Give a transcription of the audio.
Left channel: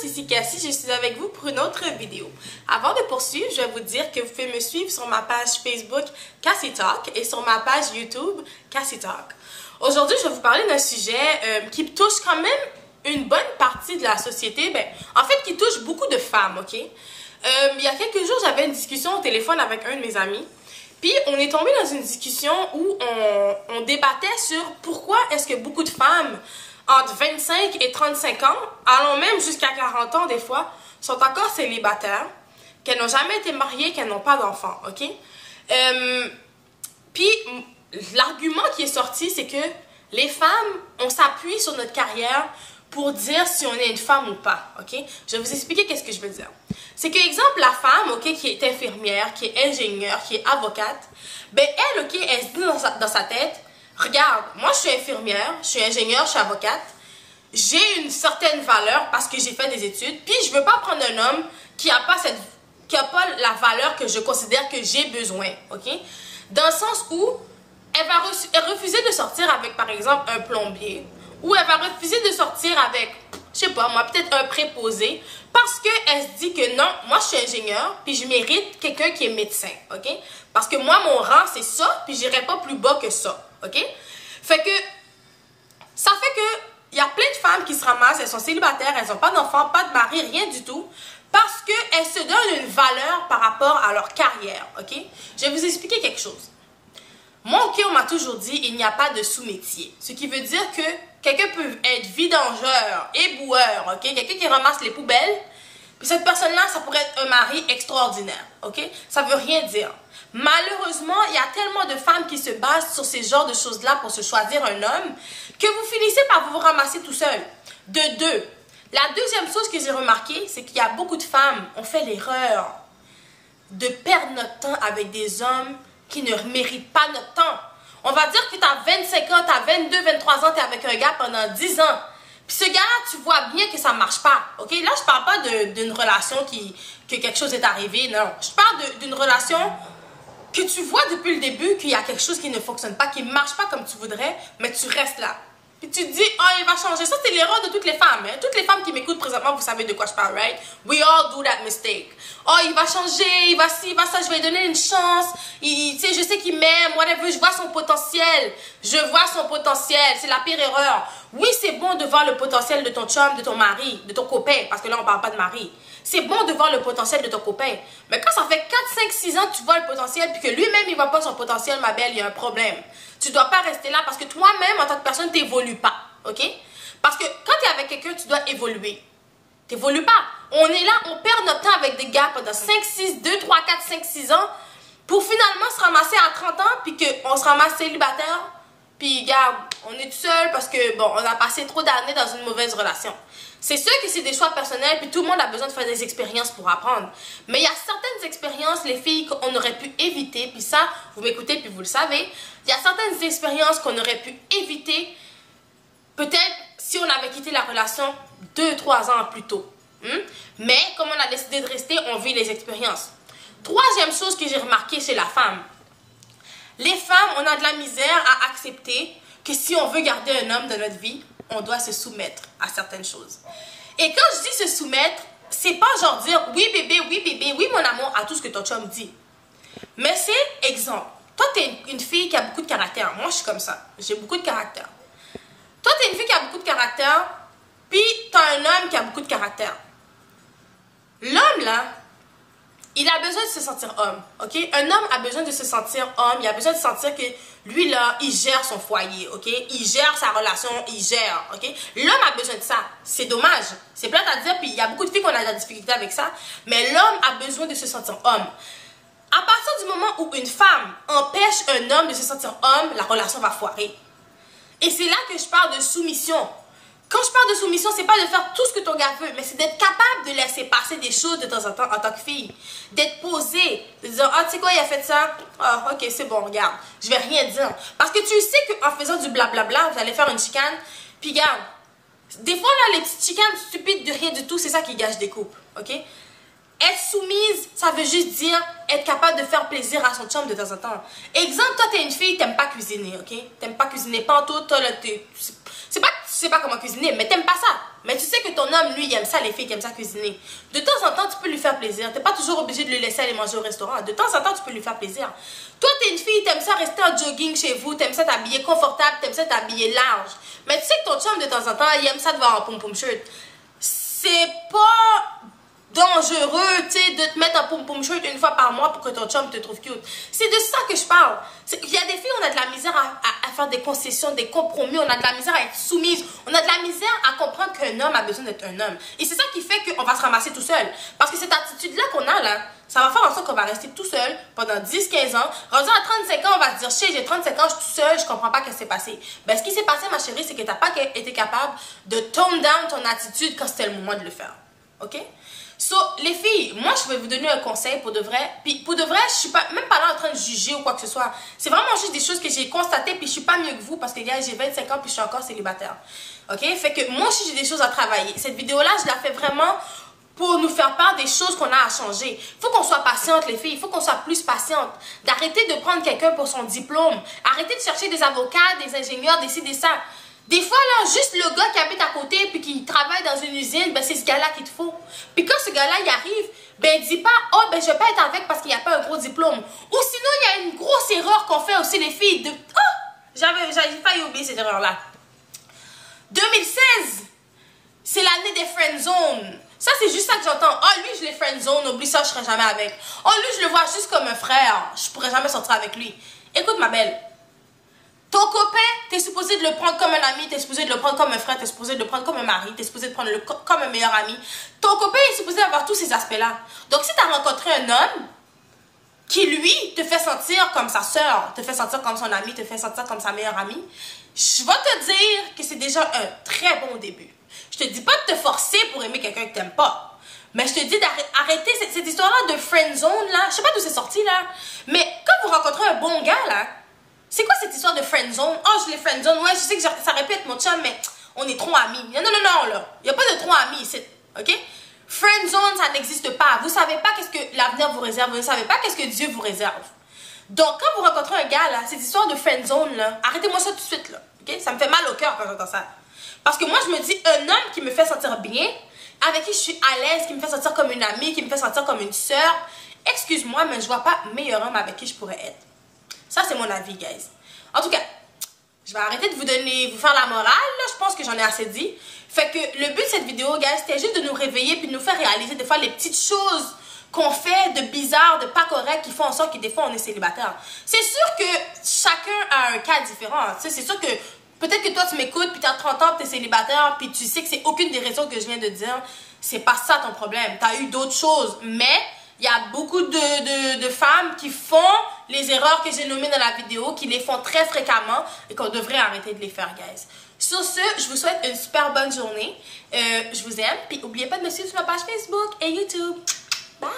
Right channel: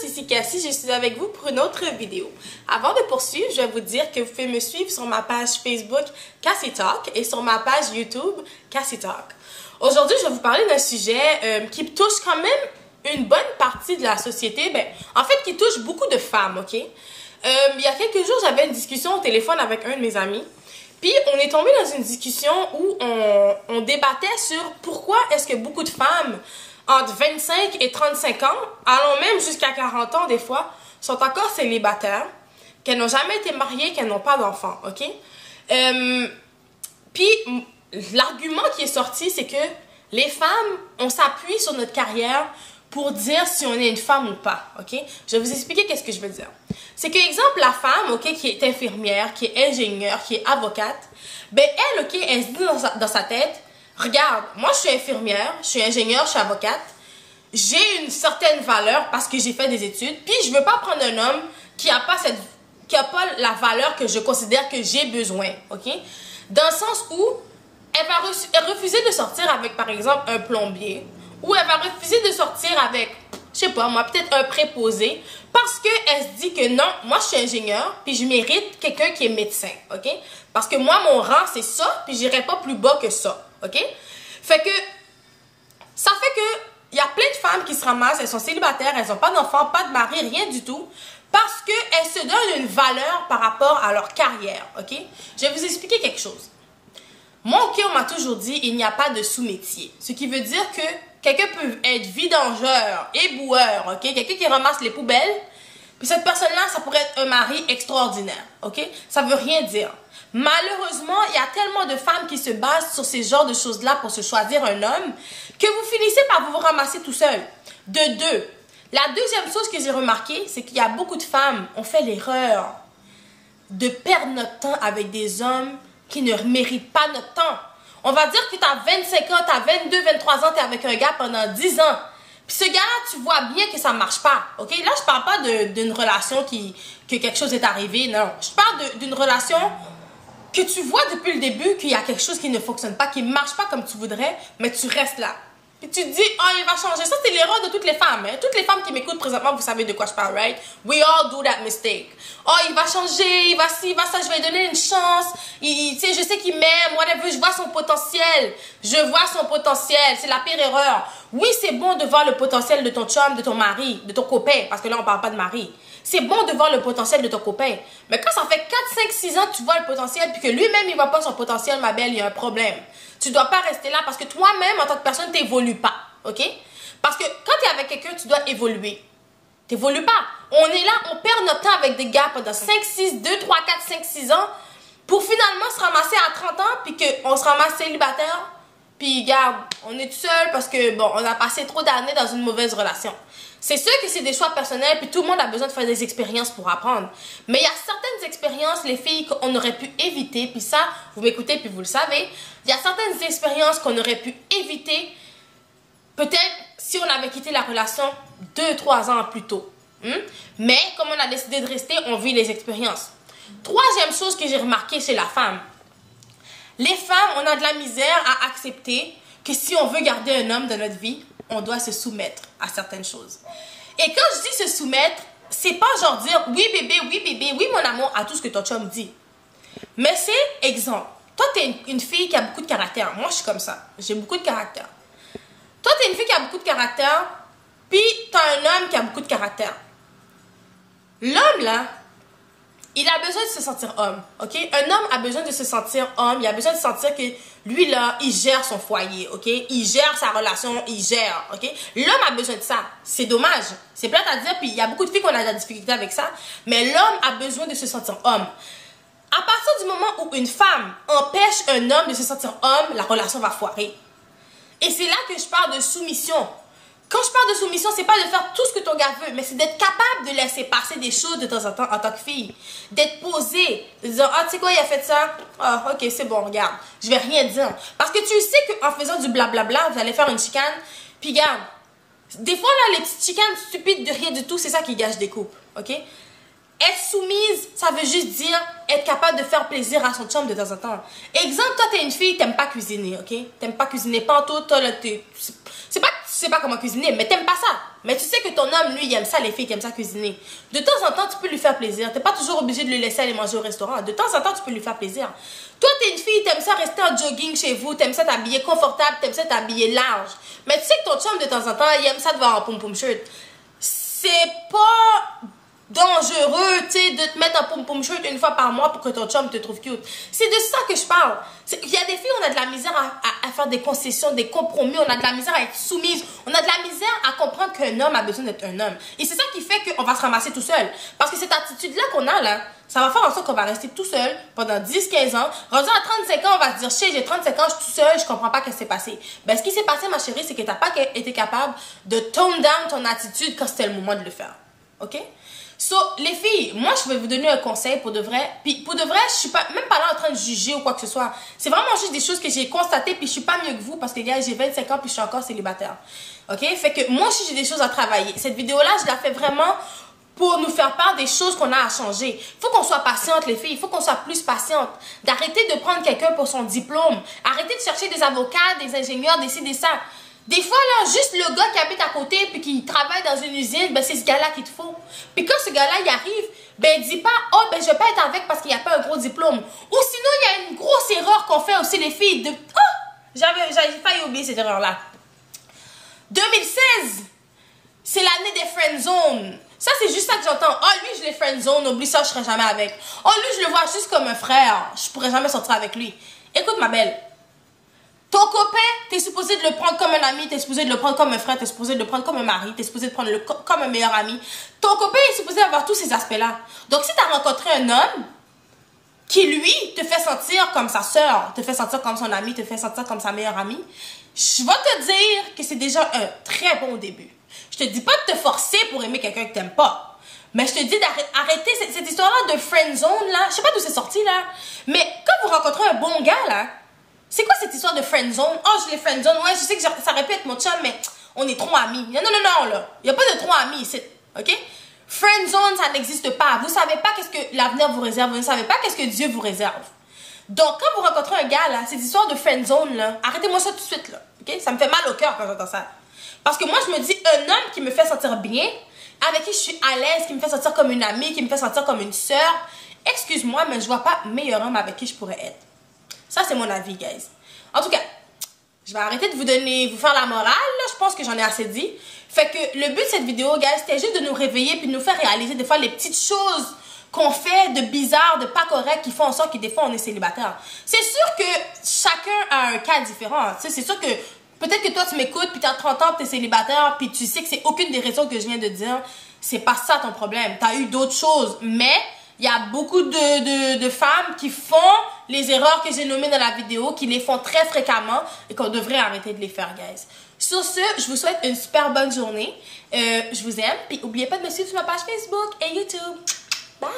tous, ici Cassie, je suis avec vous pour une autre vidéo. Avant de poursuivre, je vais vous dire que vous pouvez me suivre sur ma page Facebook Cassie Talk et sur ma page YouTube Cassie Talk. Aujourd'hui, je vais vous parler d'un sujet qui touche quand même une bonne partie de la société, en fait qui touche beaucoup de femmes, ok? Il y a quelques jours, j'avais une discussion au téléphone avec un de mes amis, puis on est tombé dans une discussion où on débattait sur pourquoi est-ce que beaucoup de femmes entre 25 et 35 ans, allant même jusqu'à 40 ans des fois, sont encore célibataires, qu'elles n'ont jamais été mariées, qu'elles n'ont pas d'enfants, ok? Puis, l'argument qui est sorti, c'est que les femmes, on s'appuie sur notre carrière pour dire si on est une femme ou pas, ok? Je vais vous expliquer qu'est-ce que je veux dire. C'est que, exemple, la femme, ok, qui est infirmière, qui est ingénieure, qui est avocate, elle, ok, elle se dit dans sa tête, regarde, moi, je suis infirmière, je suis ingénieure, je suis avocate. J'ai une certaine valeur parce que j'ai fait des études. Puis, je veux pas prendre un homme qui a pas la valeur que je considère que j'ai besoin. OK? Dans le sens où elle va refuser de sortir avec, par exemple, un plombier. Ou elle va refuser de sortir avec, je sais pas, moi, peut-être un préposé. Parce qu'elle se dit que non, moi, je suis ingénieure. Puis, je mérite quelqu'un qui est médecin. OK? Parce que moi, mon rang, c'est ça. Puis, j'irai pas plus bas que ça. OK? Fait que, ça fait que, il y a plein de femmes qui se ramassent, elles sont célibataires, elles n'ont pas d'enfants, pas de mari, rien du tout, parce qu'elles se donnent une valeur par rapport à leur carrière, ok? Je vais vous expliquer quelque chose. Moi, ok, on m'a toujours dit, il n'y a pas de sous-métier. Ce qui veut dire que quelqu'un peut être vidangeur, éboueur, ok? Quelqu'un qui ramasse les poubelles, puis cette personne-là, ça pourrait être un mari extraordinaire, ok? Ça veut rien dire. Malheureusement, il y a tellement de femmes qui se basent sur ces genres de choses-là pour se choisir un homme que vous finissez par vous ramasser tout seul. De deux. La deuxième chose que j'ai remarqué, c'est qu'il y a beaucoup de femmes, on fait l'erreur de perdre notre temps avec des hommes qui ne méritent pas notre temps. On va dire que tu as 25 ans, tu as 22, 23 ans, tu es avec un gars pendant 10 ans. Puis ce gars-là, tu vois bien que ça ne marche pas. Ok? Là, je parle pas d'une relation que quelque chose est arrivé, non. Je parle d'une relation que tu vois depuis le début qu'il y a quelque chose qui ne fonctionne pas, qui ne marche pas comme tu voudrais, mais tu restes là. Puis tu te dis, oh, il va changer. Ça, c'est l'erreur de toutes les femmes. Hein? Toutes les femmes qui m'écoutent présentement, vous savez de quoi je parle, right? We all do that mistake. Oh, il va changer, il va ci, il va ça, je vais lui donner une chance. Tu sais, je sais qu'il m'aime, whatever, je vois son potentiel. Je vois son potentiel. C'est la pire erreur. Oui, c'est bon de voir le potentiel de ton chum, de ton mari, de ton copain, parce que là, on parle pas de mari. C'est bon de voir le potentiel de ton copain. Mais quand ça fait 4, 5, 6 ans que tu vois le potentiel, puis que lui-même, il ne voit pas son potentiel, ma belle, il y a un problème. Tu ne dois pas rester là parce que toi-même, en tant que personne, tu n'évolues pas. OK? Parce que quand tu es avec quelqu'un, tu dois évoluer. Tu n'évolues pas. On est là, on perd notre temps avec des gars pendant 5, 6, 2, 3, 4, 5, 6 ans pour finalement se ramasser à 30 ans, puis qu'on se ramasse célibataire. Puis, regarde, on est tout seul parce que, bon, on a passé trop d'années dans une mauvaise relation. C'est sûr que c'est des choix personnels, puis tout le monde a besoin de faire des expériences pour apprendre. Mais il y a certaines expériences, les filles, qu'on aurait pu éviter, puis ça, vous m'écoutez, puis vous le savez. Il y a certaines expériences qu'on aurait pu éviter, peut-être si on avait quitté la relation 2, 3 ans plus tôt. Mais, comme on a décidé de rester, on vit les expériences. Troisième chose que j'ai remarqué chez la femme. Les femmes, on a de la misère à accepter que si on veut garder un homme dans notre vie, on doit se soumettre à certaines choses. Et quand je dis se soumettre, c'est pas genre dire oui bébé, oui mon amour à tout ce que ton chum dit. Mais c'est exemple. Toi, tu es une fille qui a beaucoup de caractère. Moi, je suis comme ça. J'ai beaucoup de caractère. Toi, tu es une fille qui a beaucoup de caractère, puis tu as un homme qui a beaucoup de caractère. L'homme, là, il a besoin de se sentir homme, ok? Un homme a besoin de se sentir homme, il a besoin de sentir que lui, là, il gère son foyer, ok? Il gère sa relation, il gère, ok? L'homme a besoin de ça. C'est dommage. C'est plate à dire, puis il y a beaucoup de filles qui ont de la difficulté avec ça, mais l'homme a besoin de se sentir homme. À partir du moment où une femme empêche un homme de se sentir homme, la relation va foirer. Et c'est là que je parle de soumission. Quand je parle de soumission, c'est pas de faire tout ce que ton gars veut, mais c'est d'être capable de laisser passer des choses de temps en temps en tant que fille. D'être posée, de dire, ah, tu sais quoi, il a fait ça? Ah, ok, c'est bon, regarde. Je vais rien dire. Parce que tu sais qu'en faisant du blablabla, vous allez faire une chicane. Puis regarde, des fois, là, les petites chicanes stupides de rien du tout, c'est ça qui gâche des couples, ok? Être soumise, ça veut juste dire être capable de faire plaisir à son chum de temps en temps. Exemple, toi, t'es une fille, t'aimes pas cuisiner, ok? T'aimes pas cuisiner pas en tout, c'est pas que tu sais pas comment cuisiner, mais t'aimes pas ça. Mais tu sais que ton homme, lui, il aime ça, les filles qui aiment ça cuisiner. De temps en temps, tu peux lui faire plaisir. T'es pas toujours obligé de le laisser aller manger au restaurant. De temps en temps, tu peux lui faire plaisir. Toi, t'es une fille, t'aimes ça rester en jogging chez vous, t'aimes ça t'habiller confortable, t'aimes ça t'habiller large. Mais tu sais que ton chum, de temps en temps, il aime ça de voir en pom-pom shirt. C'est pas dangereux, tu sais, de te mettre en pom-pom shirt une fois par mois pour que ton chum te trouve cute. C'est de ça que je parle. Il y a des filles, on a de la misère à faire des concessions, des compromis, on a de la misère à être soumise, on a de la misère à comprendre qu'un homme a besoin d'être un homme. Et c'est ça qui fait qu'on va se ramasser tout seul. Parce que cette attitude-là qu'on a, là, ça va faire en sorte qu'on va rester tout seul pendant 10-15 ans. Rendu à 35 ans, on va se dire, j'ai 35 ans, je suis tout seul, je comprends pas ce qui s'est passé. Ben, ce qui s'est passé, ma chérie, c'est que t'as pas été capable de tone down ton attitude quand c'était le moment de le faire. OK? So, les filles, moi, je vais vous donner un conseil pour de vrai. Puis, pour de vrai, je suis pas, même pas là en train de juger ou quoi que ce soit. C'est vraiment juste des choses que j'ai constatées, puis je suis pas mieux que vous, parce que, gars, j'ai 25 ans, puis je suis encore célibataire. OK? Fait que, moi aussi, j'ai des choses à travailler. Cette vidéo-là, je la fais vraiment pour nous faire part des choses qu'on a à changer. Il faut qu'on soit patiente, les filles. Il faut qu'on soit plus patiente. D'arrêter de prendre quelqu'un pour son diplôme. Arrêter de chercher des avocats, des ingénieurs, des ci, des ça. Des fois, là, juste le gars qui habite à côté puis qui travaille dans une usine, ben c'est ce gars-là qu'il te faut. Puis quand ce gars-là, il arrive, ben dis pas, oh, ben je vais pas être avec parce qu'il n'y a pas un gros diplôme. Ou sinon, il y a une grosse erreur qu'on fait aussi, les filles. Oh, j'avais failli oublier cette erreur-là. 2016, c'est l'année des friend zones. Ça, c'est juste ça que j'entends. Oh, lui, je l'ai friend zone, oublie ça, je serai jamais avec. Oh, lui, je le vois juste comme un frère. Je pourrais jamais sortir avec lui. Écoute, ma belle. Ton copain, t'es supposé de le prendre comme un ami, t'es supposé de le prendre comme un frère, t'es supposé de le prendre comme un mari, t'es supposé de prendre comme un meilleur ami. Ton copain est supposé avoir tous ces aspects-là. Donc, si t'as rencontré un homme qui, lui, te fait sentir comme sa sœur, te fait sentir comme son ami, te fait sentir comme sa meilleure amie, je vais te dire que c'est déjà un très bon début. Je te dis pas de te forcer pour aimer quelqu'un que t'aimes pas. Mais je te dis d'arrêter cette histoire-là de friend zone, là. Je sais pas d'où c'est sorti, là. Mais quand vous rencontrez un bon gars, là, c'est quoi cette histoire de friend zone? Oh, je l'ai friend zone. Ouais, je sais que ça répète mon chum, mais on est trop amis. Non, non, non, non, là. Il n'y a pas de trop amis ici. OK? Friend zone, ça n'existe pas. Vous savez pas qu'est-ce que l'avenir vous réserve. Vous ne savez pas qu'est-ce que Dieu vous réserve. Donc, quand vous rencontrez un gars, là, cette histoire de friend zone, là, arrêtez-moi ça tout de suite, là. OK? Ça me fait mal au cœur quand j'entends ça. Parce que moi, je me dis, un homme qui me fait sentir bien, avec qui je suis à l'aise, qui me fait sentir comme une amie, qui me fait sentir comme une sœur, excuse-moi, mais je vois pas meilleur homme avec qui je pourrais être. Ça, c'est mon avis, guys. En tout cas, je vais arrêter de vous faire la morale, là. Je pense que j'en ai assez dit. Fait que le but de cette vidéo, guys, c'était juste de nous réveiller puis de nous faire réaliser des fois les petites choses qu'on fait de bizarre, de pas correct, qui font en sorte que des fois, on est célibataire. C'est sûr que chacun a un cas différent. Tu sais, c'est sûr que peut-être que toi, tu m'écoutes, puis tu as 30 ans, puis tu es célibataire, puis tu sais que c'est aucune des raisons que je viens de dire. C'est pas ça ton problème. Tu as eu d'autres choses. Mais il y a beaucoup de femmes qui font les erreurs que j'ai nommées dans la vidéo, qui les font très fréquemment et qu'on devrait arrêter de les faire, guys. Sur ce, je vous souhaite une super bonne journée. Je vous aime. Puis n'oubliez pas de me suivre sur ma page Facebook et YouTube. Bye!